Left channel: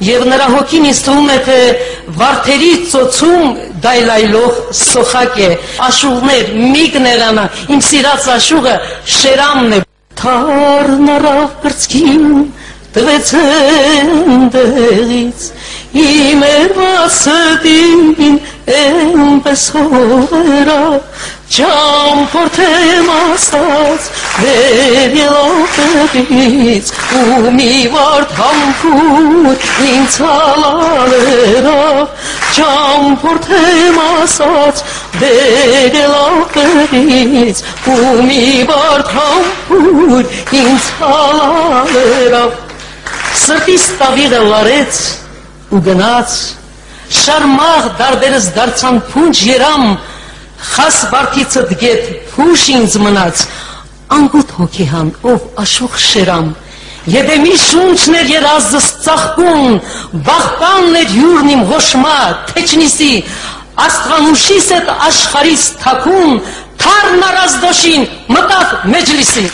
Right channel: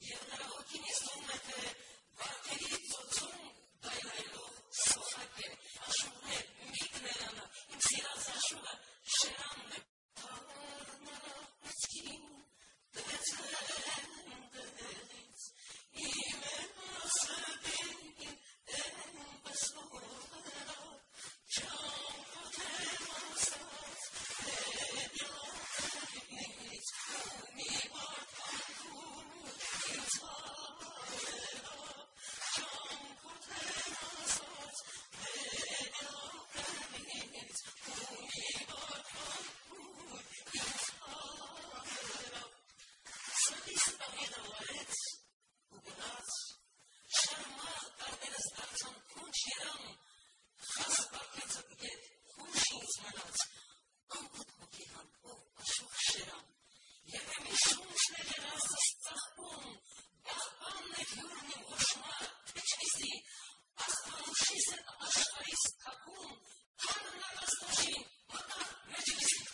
Եվ նրա հոգին ինձ թվում է, թե վարդերի ծոցում դայլայլող սոխակ է, աշուղներ, միգներանա, իմ սիրած աշուղը Շերամն է։ Թարն առավ կրծքին, տվեց ընդեղից, իմ երվասդին էնպես հողերավ, ճամփորդեմ ասած վեր ելոտերից, ու մի վարդ համբուր ինձ հալալերավ, ճամփորդեմ ասած վեր ելոտերից, ու մի վարդ համբուր ինձ հալալերավ, սրտիս տավիղը լարեց ու գնաց, շարմաղ դարդերս դարձան փունջ երամ, խաս վարդիցը դգետ փուշ ինձ մնաց, անգութ հոգիհան, ով աշուղ Շերամ, Եդեմի շունչներ երազս ծաղկուն, վաղպանն էր հյուրն իմ հոշմա, թեչնիսի, աստղանուշիս էտ աշխարիս թակուն, թարն առազդոշին, մտավ մեջլիսի։